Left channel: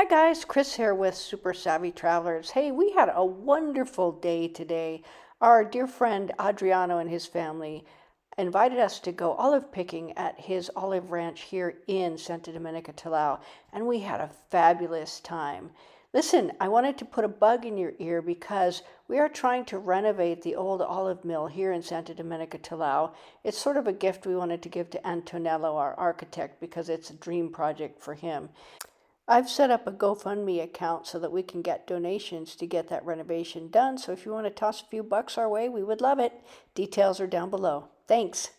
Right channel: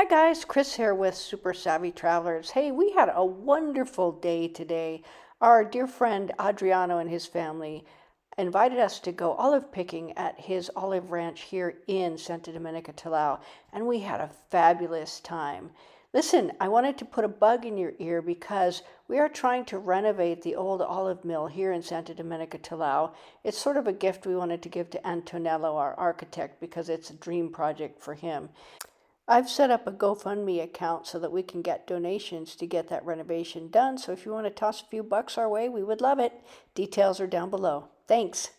Hi guys, Chris here with Super Savvy Travelers. Hey, we had a wonderful day today. Our dear friend Adriano and his family invited us to go olive picking at his olive ranch here in Santa Domenica Talao, and we had a fabulous time. Listen, I wanted to put a bug in your ear because we are trying to renovate the old olive mill here in Santa Domenica Talao. It's sort of a gift we wanted to give to Antonello, our architect, because it's a dream project for him. I've set up a GoFundMe account so that we can get donations to get that renovation done. So if you want to toss a few bucks our way, we would love it. Details are down below. Thanks.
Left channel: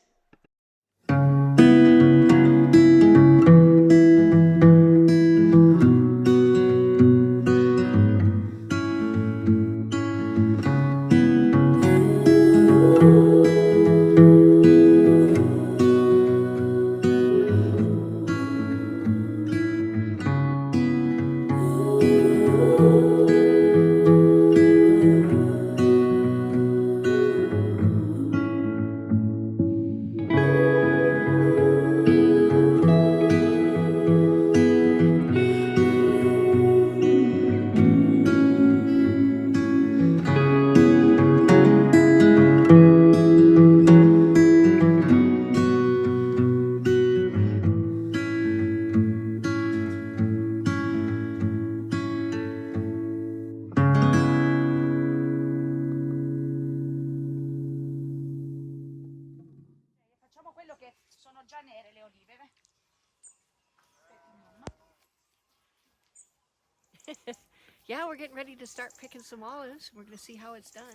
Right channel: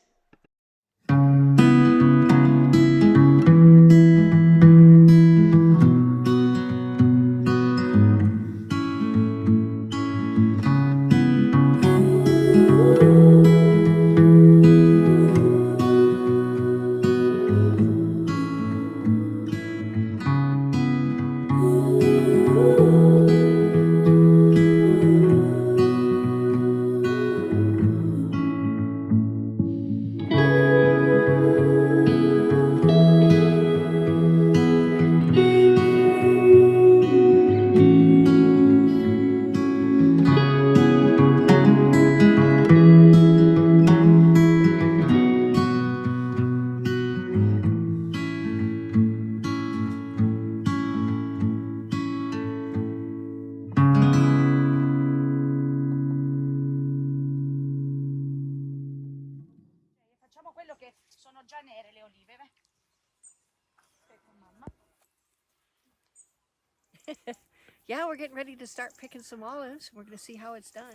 Yeah, we're getting ready to start picking some olives. We're going to see how it's done.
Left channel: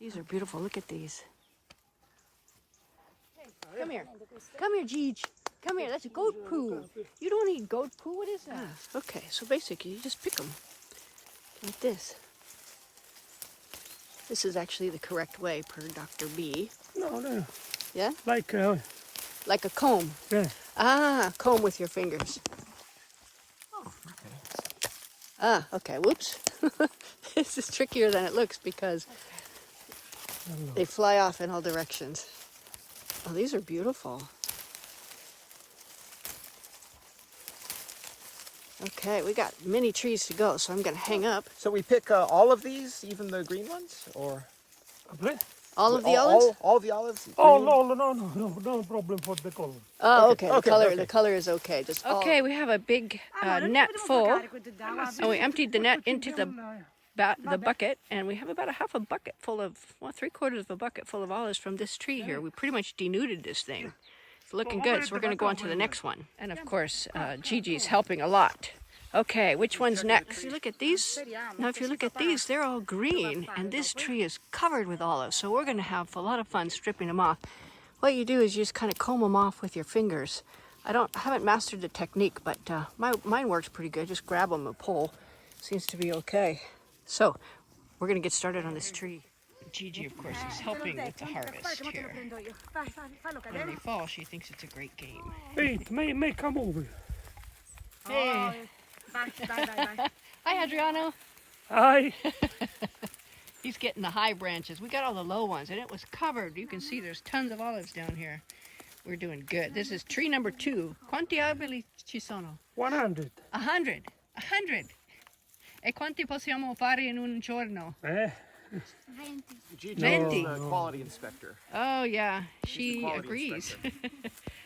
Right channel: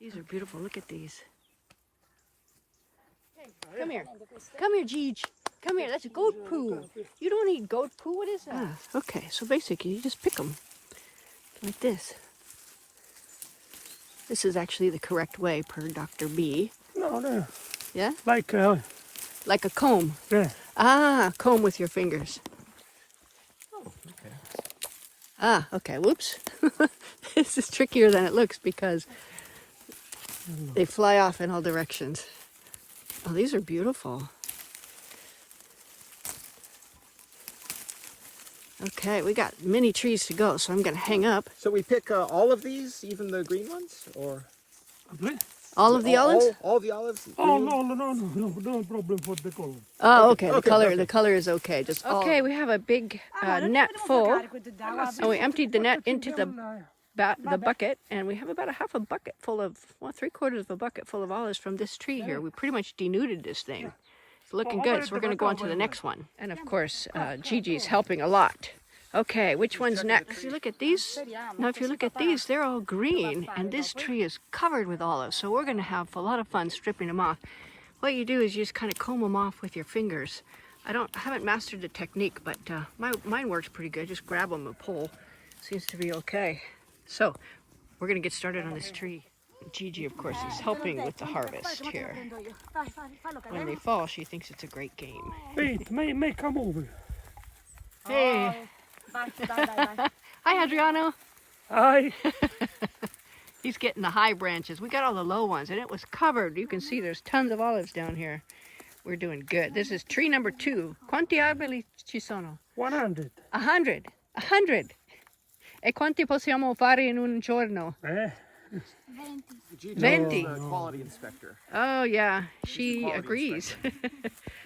These are beautiful. Look at these. Come here. Come here, Jeej. Come here. That's goat poo. You don't eat goat poo. What is that? Ah, okay, so basically you just pick them like this. This is actually the correct way per Dr. B. No. Yeah? Like a comb. Yeah. Ah, comb with your fingers. Oh, okay. Ah, okay. Whoops. This is trickier than it looks because they fly off in all directions. Oh, these are beautiful. Okay, we got many trees to go, so I'm going to hang up. So we pick all of these, even the green ones, or All of the olives? All the olives. Oh no problem for the color. Oh, okay. The color is okay. Just okay. We have a big net full, and we emptied the net into the bucket, and we have about a half a bucket full of, well, 3/4 of a bucket full of olives from this tree here. We pretty much denuded this thing. It's looking good, so we're going to go on to the next one. And of course, Gigi's helping a lot. Okay, which one's next? You look at these. Now, if you look at these, they're all green, and this tree is covered with olives. So we're going to have a lot of fun stripping them off. What you do is you just kind of comb them off with your fingers. I haven't mastered the technique, but mine works pretty good. Just grab them and pull. Seems to be okay. So we're going to get started on this tree. Gigi, of course, is helping with the harvest here. When they fall, she thinks it's a great game. Wait, may come over. Hey. Hi, Adriano. Hi. He's getting the high branches. We got all the low ones, and it was covered. You can see there's tons of olives down here. We're doing good. This is tree number 2. Quanti alberi ci sono? 100. 100. 100. E quanti possiamo fare in un giorno? 20. Quality inspector. Oh, yeah. She agrees.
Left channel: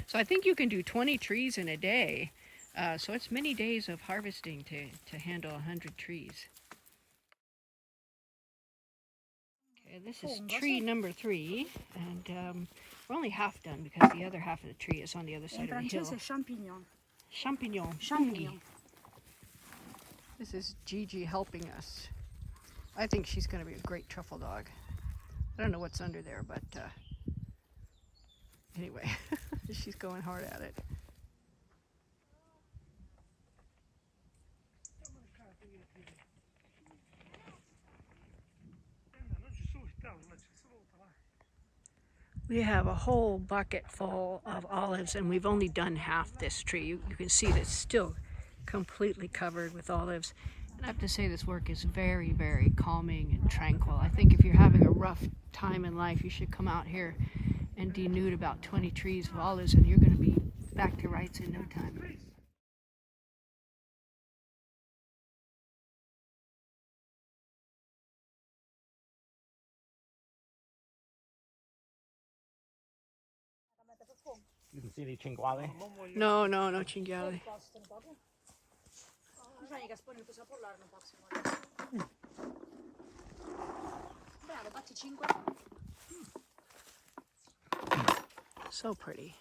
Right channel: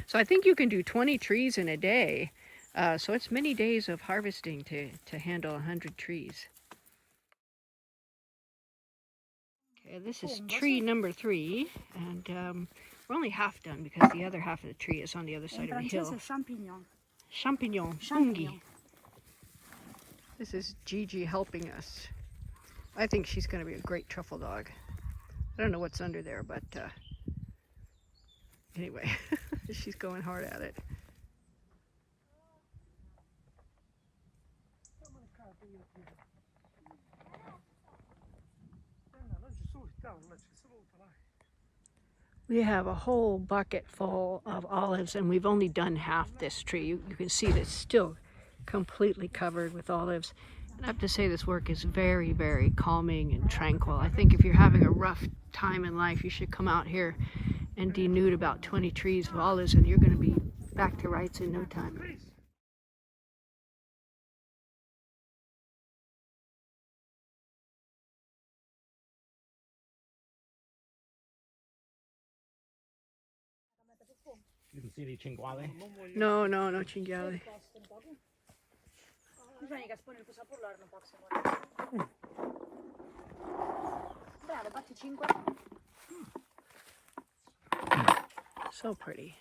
So I think you can do 20 trees in a day. So it's many days of harvesting to handle 100 trees. Okay, this is tree number 3, and we're only half done because the other half of the tree is on the other side of the hill. Champignon. Funghi. This is Gigi helping us. I think she's going to be a great truffle dog. I don't know what's under there, but anyway, she's going hard at it. We have a whole bucket full of olives, and we've only done half this tree. You can see that it's still completely covered with olives. And I have to say, this work is very, very calming and tranquil. I think if you're having a rough time in life, you should come out here and denude about 20 trees of olives, and you're going to be back to rights in no time. You can see the cinghiale. No, no, no cinghiale. Bisogna che spone il saporlare non posso. Bravo, batti 5. So pretty.